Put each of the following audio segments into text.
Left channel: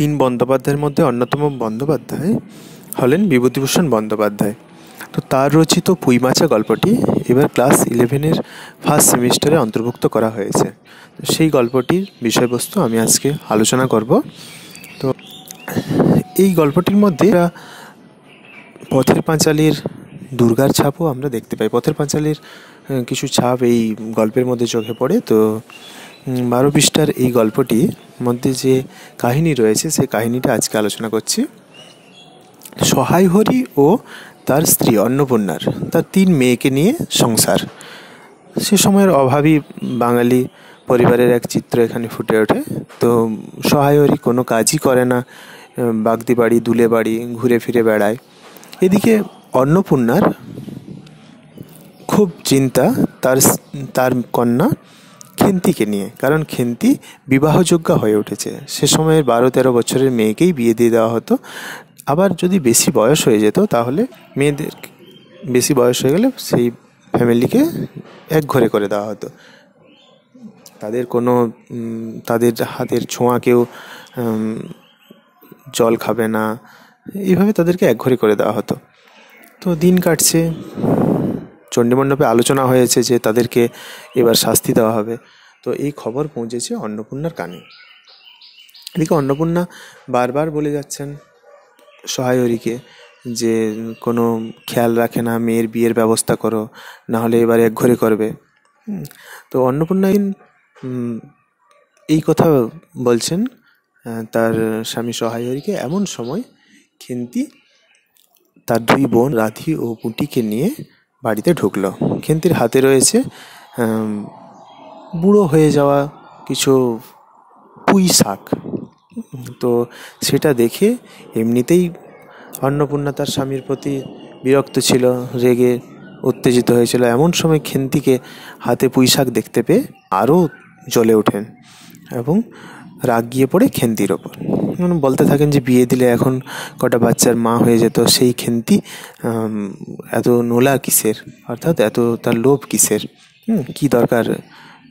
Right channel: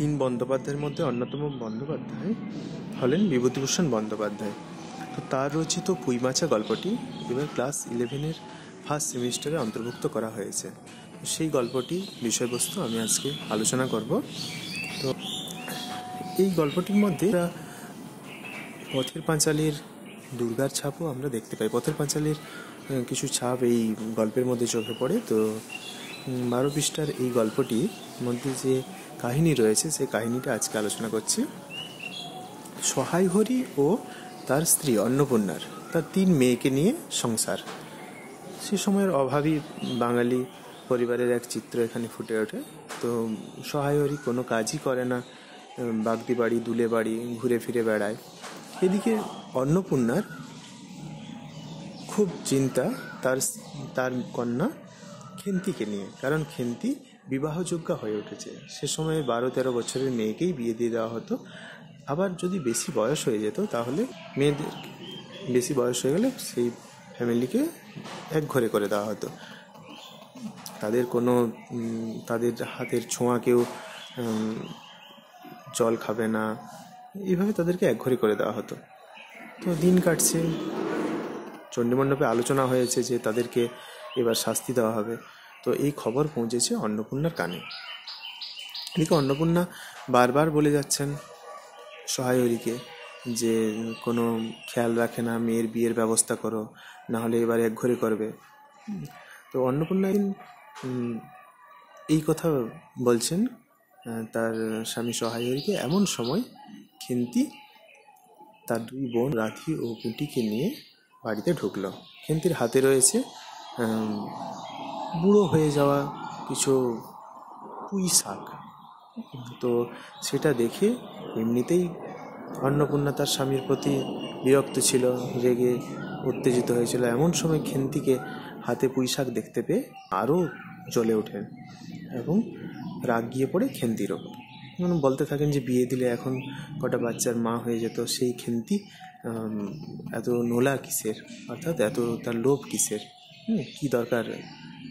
তিন বন্দ্যোপাধ্যায়ের মধ্যে অন্যতম বন্দ্যোপাধ্যায় হলেন বিভূতিভূষণ বন্দ্যোপাধ্যায়। তো তার রচিত পুঁইমাচা গল্পটি এবার ক্লাস 11-এর ফার্স্ট সেমিস্টারে অন্তর্ভুক্ত করা হয়েছে। সেই গল্পটির বিষয়বস্তু আমি আজকে আলোচনা করব। তো এই গল্পটির মধ্যে পথের পাঁচালীর দুর্গার ছাপও আমরা দেখতে পাই। পথের পাঁচালীর কিছু ছাপ এই গল্পের মধ্যে চোখে পড়ে। তো 12 পৃষ্ঠার এই গল্পটির মধ্যে যে কাহিনী রয়েছে সেই কাহিনীটা আজকে আলোচনা করছি। সহায় হরি ও তার স্ত্রী অন্নপূর্ণার তার 3 মেয়েকে নিয়ে সংসার। সে সময়ের অভাবী বাঙালি পরিবারের এক চিত্র এখানে ফুটে ওঠে। তো সহায় হরি কোনো কাজই করে না, বাগদি বাড়ি দুলে বাড়ি ঘুরে ফিরে বেড়ায়। এদিকে অন্নপূর্ণার খুব চিন্তা তার কন্যা খেন্তিকে নিয়ে, কারণ খেন্তি বিবাহযোগ্যা হয়ে উঠেছে। সে সময়ের 12-13 বছরের মেয়েকেই বিয়ে দিয়ে দেওয়া হতো। আবার যদি বেশি বয়স হয়ে যেত তাহলে মেয়েদের বেশি বয়স হয়ে গেলে সেই ফ্যামিলিকে একঘরে করে দেওয়া হতো। তাদের হাতের ছোঁয়া কেউ জল খাবে না, এইভাবে তাদেরকে একঘরে করে দেওয়া হতো। তো দিন কাটছে, চণ্ডীমণ্ডপে আলোচনা হয়েছে যে তাদেরকে এবার শাস্তি দেওয়া হবে। তো এই খবর পৌঁছেছে অন্নপূর্ণার কানে। এদিকে অন্নপূর্ণা বারবার বলে যাচ্ছেন সহায় হরিকে যে কোনো খেয়াল রাখে না, মেয়ের বিয়ের ব্যবস্থা করো, নাহলে এবার একঘরে করবে। তো অন্নপূর্ণা এই কথা বলছেন তার স্বামী সহায় হরিকে। এমন সময় খেন্তি তার 2 বোন রাধি ও পুঁটিকে নিয়ে বাড়িতে ঢুকলো। খেন্তির হাতে রয়েছে বুড়ো হয়ে যাওয়া কিছু পুঁই শাক। তো সেটা দেখে এমনিতেই অন্নপূর্ণা তার স্বামীর প্রতি বিরক্ত ছিল, রেগে উত্তেজিত হয়েছিল। এমন সময় খেন্তিকে হাতে পুঁই শাক দেখতে পেয়ে আরও জ্বলে ওঠেন এবং রাগ গিয়ে পড়ে খেন্তির ওপর। বলতে থাকেন যে বিয়ে দিলে এখন কটা বাচ্চার মা হয়ে যেত, সেই খেন্তি এত নোলা কিসের, অর্থাৎ এত তার লোভ কিসের, কি দরকার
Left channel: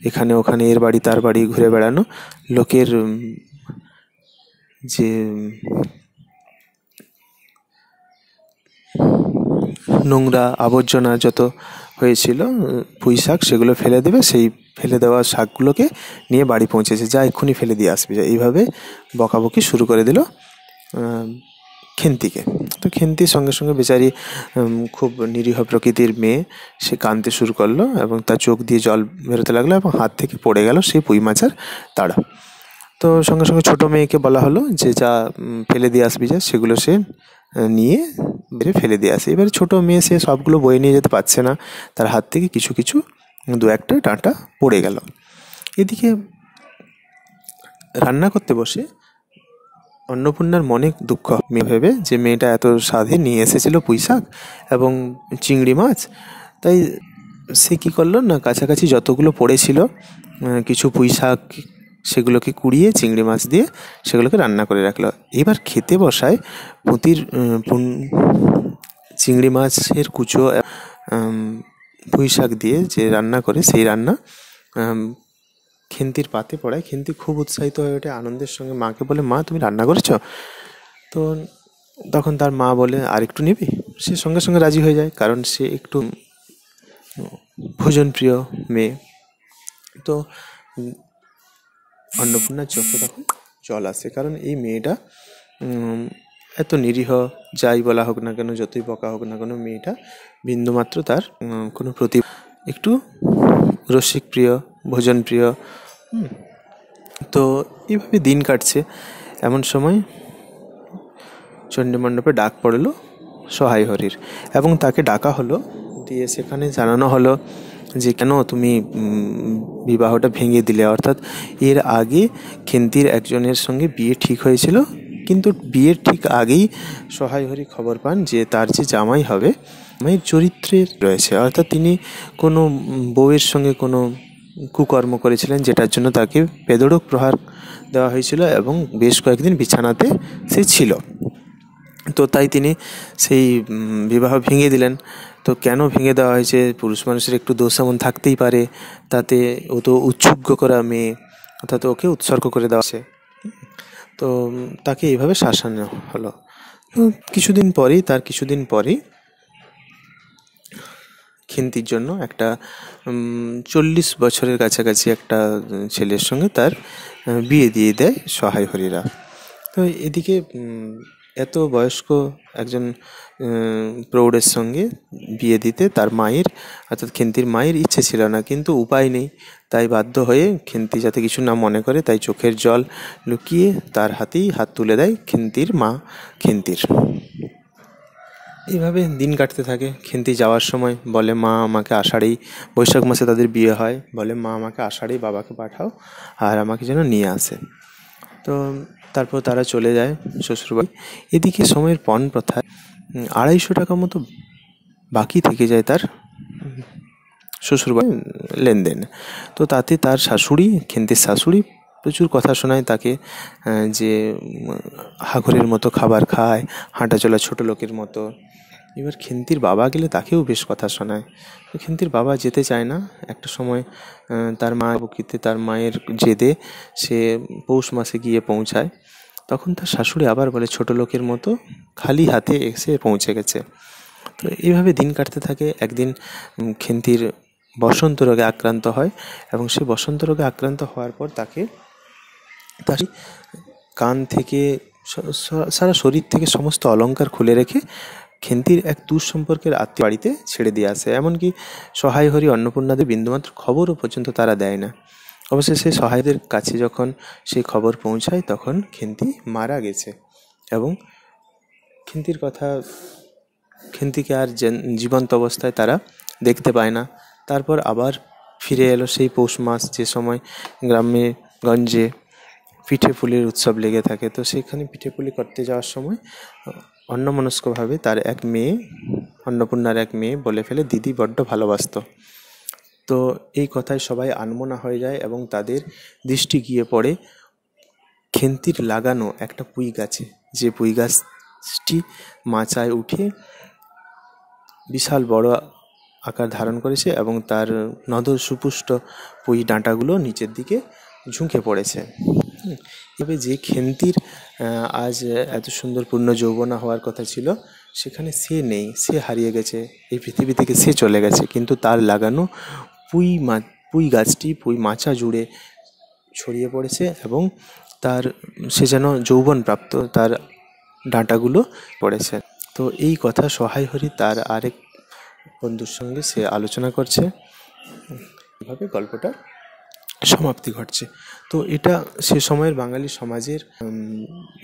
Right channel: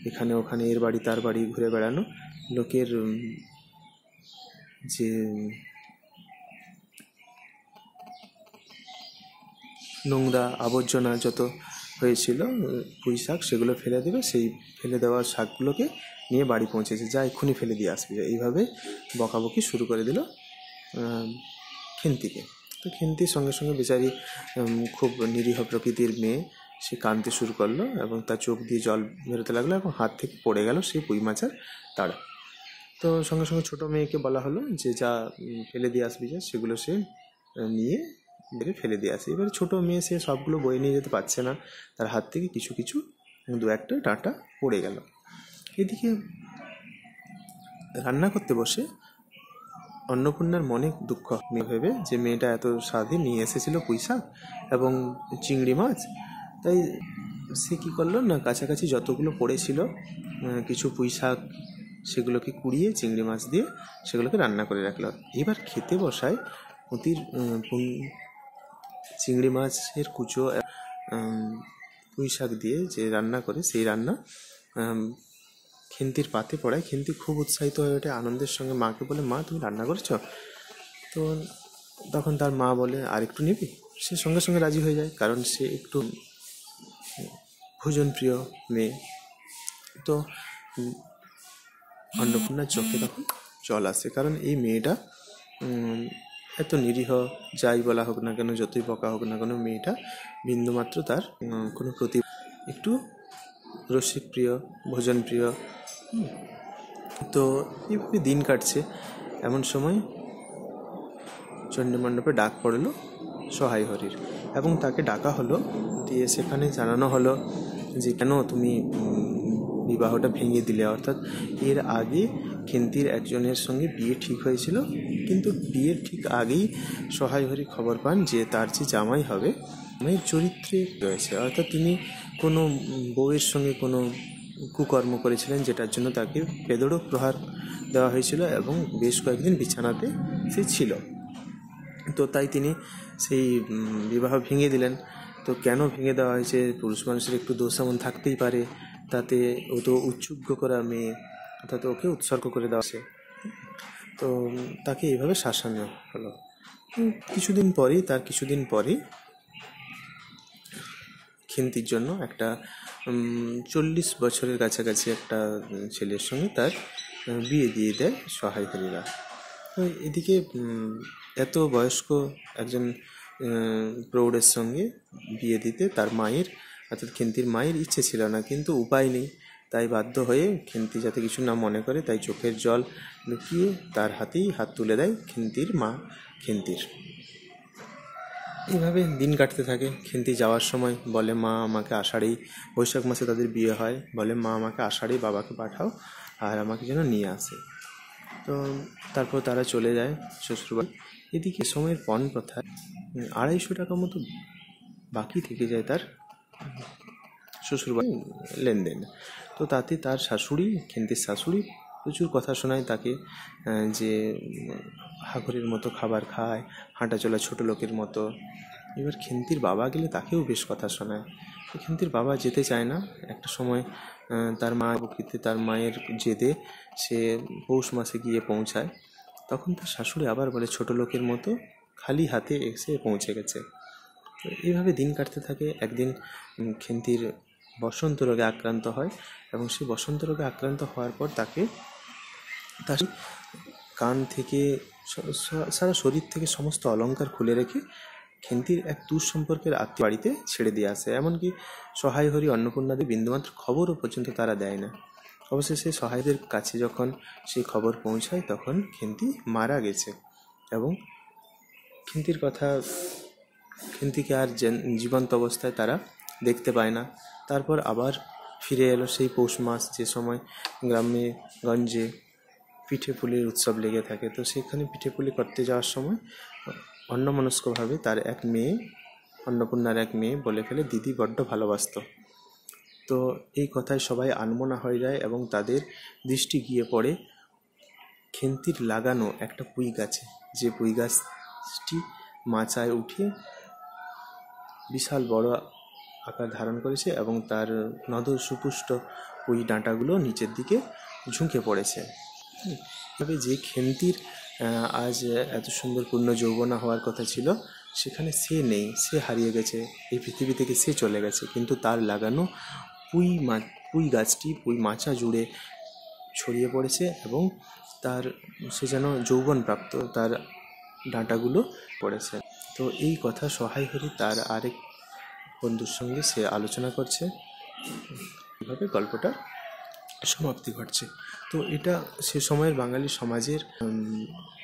এখানে ওখানে এর বাড়ি তার বাড়ি ঘুরে বেড়ানো, লোকের যে নোংরা আবর্জনা যত হয়েছিল পুঁই শাক সেগুলো ফেলে দেবে, সেই ফেলে দেওয়া শাকগুলোকে নিয়ে বাড়ি পৌঁছেছে, যা এক্ষুনি ফেলে দিয়ে আসবে। এইভাবে বকাবকি শুরু করে দিল খেন্তিকে। তো খেন্তির সঙ্গে সঙ্গে বেচারি খুব নিরীহ প্রকৃতির মেয়ে, সে কাঁদতে শুরু করলো এবং তার চোখ দিয়ে জল বেরোতে লাগলো এবং হাত থেকে পড়ে গেল সেই পুঁই মাচার তাড়া। তো সঙ্গে সঙ্গে ছোটো মেয়েকে বলা হলো যে যা ফেলে দিয়ে আসবি, যা সেগুলো সে নিয়ে বেড়ে ফেলে দিয়ে আসে। এবারে ছোটো মেয়ে, সে সবগুলো বয়ে নিয়ে যেতে পারছে না, তার হাত থেকে কিছু কিছু 2-1টা ডাঁটা পড়ে গেল। এদিকে রান্না করতে বসে অন্নপূর্ণার মনে দুঃখ ভেবে যে মেয়েটা এত সাধে নিয়ে এসেছিল পুঁই শাক এবং চিংড়ি মাছ, তাই সে কী করলো না, কাছাকাছি যতগুলো পড়েছিল কিছু পুঁই শাক সেগুলোকে কুড়িয়ে চিংড়ি মাছ দিয়ে সেগুলোকে রান্না করে রাখলো। এবার খেতে বসায় পুঁতির চিংড়ি মাছের কুচো পুঁই শাক দিয়ে যে রান্না করে, সেই রান্না খেন্তির পাতে পড়ায়। খেন্তি খুব উৎসাহিত হয়ে ওঠে, আনন্দের সঙ্গে মাকে বলে, মা তুমি রান্না করেছো? তো তখন তার মা বলে, আর একটু নিবি? সে সঙ্গে সঙ্গে রাজি হয়ে যায়, কারণ সে একটু ভোজনপ্রিয় মেয়ে। তো অন্নপূর্ণার চোখে তখন জল আসে, কারণ এই মেয়েটা এত নিরীহ, যাই বলা হোক না কেন, যতই বকা হোক না কেন, মেয়েটা বিন্দুমাত্র তার কোনো একটু রসিক প্রিয়, ভোজন প্রিয়। তো এইভাবে দিন কাটছে। এমন সময় চণ্ডীমণ্ডপে ডাক পড়লো সহায় হরির এবং তাকে ডাকা হলো, দিয়ে সেখানে জানানো হলো যে কেন তুমি বিবাহটা ভেঙে দিলে। অর্থাৎ এর আগে খেন্তির একজনের সঙ্গে বিয়ে ঠিক হয়েছিল, কিন্তু বিয়ের ঠিক আগেই সহায় হরি খবর পান যে তার যে জামাই হবে, জামাইয়ের চরিত্রে রয়েছে, অর্থাৎ তিনি কোনো বউয়ের সঙ্গে কোনো কুকর্ম করেছিলেন, যেটার জন্য তাকে বেধড়ক প্রহার দেওয়া হয়েছিল এবং বেশ কয়েকদিন বিছানাতে সে ছিল। তো তাই তিনি সেই বিবাহ ভেঙে দিলেন। তো কেন ভেঙে দেওয়া হয়েছে, পুরুষ মানুষের একটু দোষ এমন থাকতেই পারে, তাতে ও তো উৎসর্গ করা মেয়ে, অর্থাৎ ওকে উৎসর্গ করে দেওয়া হয়েছে। তো তাকে এইভাবে শাসানো হলো। তার কিছুদিন পরেই খেন্তির জন্য একটা 40 বছরের কাছাকাছি একটা ছেলের সঙ্গে তার বিয়ে দিয়ে দেয় সহায় হরিরা। তো এদিকে এত বয়স্ক একজন প্রৌঢ়ের সঙ্গে বিয়ে দিতে তার মায়ের, অর্থাৎ খেন্তির মায়ের ইচ্ছে ছিল না, কিন্তু উপায় নেই। তাই বাধ্য হয়ে খেন্তি যাতে কিছু না মনে করে, তাই চোখের জল লুকিয়ে তার হাতেই হাত তুলে দেয় খেন্তির মা খেন্তির। এইভাবে দিন কাটতে থাকে। খেন্তি যাওয়ার সময় বলে, মা আমাকে আষাঢ়েই, বৈশাখ মাসে তাদের বিয়ে হয়, বলে মা আমাকে আষাঢ়েই বাবাকে পাঠাও আর আমাকে যেন নিয়ে আসে। তো তারপর তারা চলে যায় শ্বশুরবাড়ি। এদিকে সময়ের পণ প্রথায় 250 টাকা মতো বাকি থেকে যায় তার শ্বশুরবাড়ি লেনদেন। তো তাতে তার শাশুড়ি, খেন্তির শাশুড়ি প্রচুর কথা শোনায় তাকে, যে হাঘরের মতো খাবার খায়, হাঁটা চলা ছোটো লোকের মতো। এবার খেন্তির বাবা গেলে তাকেও বেশ কথা শোনায়। তো খেন্তির বাবা যেতে চায় না। একটা সময় তার মা বকিতে, তার মায়ের জেদে সে পৌষ মাসে গিয়ে পৌঁছায়। তখন তার শাশুড়ি আবার বলে, ছোটো লোকের মতো খালি হাতে এসে পৌঁছে গেছে। তো এইভাবে দিন কাটতে থাকে। একদিন খেন্তির বসন্ত রোগে আক্রান্ত হয়, এবং সে বসন্ত রোগে আক্রান্ত হওয়ার পর তাকে তার কান থেকে সারা শরীর থেকে সমস্ত অলংকার খুলে রেখে খেন্তির এক দূর সম্পর্কের আত্মীয় বাড়িতে ছেড়ে দিয়ে আসে। এমনকি সহায় হরি, অন্নপূর্ণাদের বিন্দুমাত্র খবরও পর্যন্ত তারা দেয় না। অবশেষে সহায়দের কাছে যখন সেই খবর পৌঁছায়, তখন খেন্তি মারা গেছে, এবং খেন্তিকে আর জীবন্ত অবস্থায় তারা দেখতে পায় না। তারপর আবার ফিরে এলো সেই পৌষ মাস, যে সময় গ্রামে গঞ্জে পিঠে পুলির উৎসব লেগে থাকে। তো সেখানে পিঠে পুলি করতে যাওয়ার সময় অন্যমনস্কভাবে তার এক মেয়ে, অন্নপূর্ণার এক মেয়ে বলে ফেলে, দিদি বড্ড ভালোবাসতো। তো এই কথায় সবাই আনমনা হয়ে যায়, এবং তাদের দৃষ্টি গিয়ে পড়ে খেন্তির লাগানো একটা পুঁই গাছে, যে পুঁই গাছটি মাচায় উঠে বিশাল বড় আকার ধারণ করেছে, এবং তার নধর সুপুষ্ট পুঁই ডাঁটাগুলো নিচের দিকে ঝুঁকে পড়েছে। এভাবে যে খেন্তির আজ এত সুন্দর পূর্ণ যৌবনা হওয়ার কথা ছিল, সেখানে সে নেই, সে হারিয়ে গেছে, এই পৃথিবী থেকে সে চলে গেছে। কিন্তু তার লাগানো পুঁই গাছটি পুঁই মাচা জুড়ে ছড়িয়ে পড়েছে, এবং সে যেন যৌবন প্রাপ্ত, তার ডাঁটাগুলো পড়েছে। তো এই কথা সহায় হরি তার আরেক বন্ধুর সঙ্গে সে আলোচনা করছে। এভাবে গল্পটা সমাপ্তি ঘটছে। তো এটা সে সময়ের বাঙালি সমাজের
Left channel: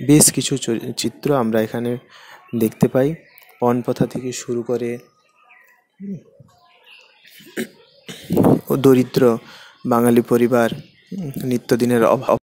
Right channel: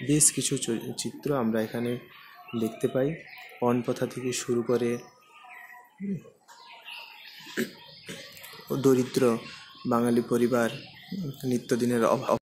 বেশ কিছু চিত্র আমরা এখানে দেখতে পাই। পণ প্রথা থেকে শুরু করে দরিদ্র বাঙালি পরিবার, নিত্যদিনের অভাব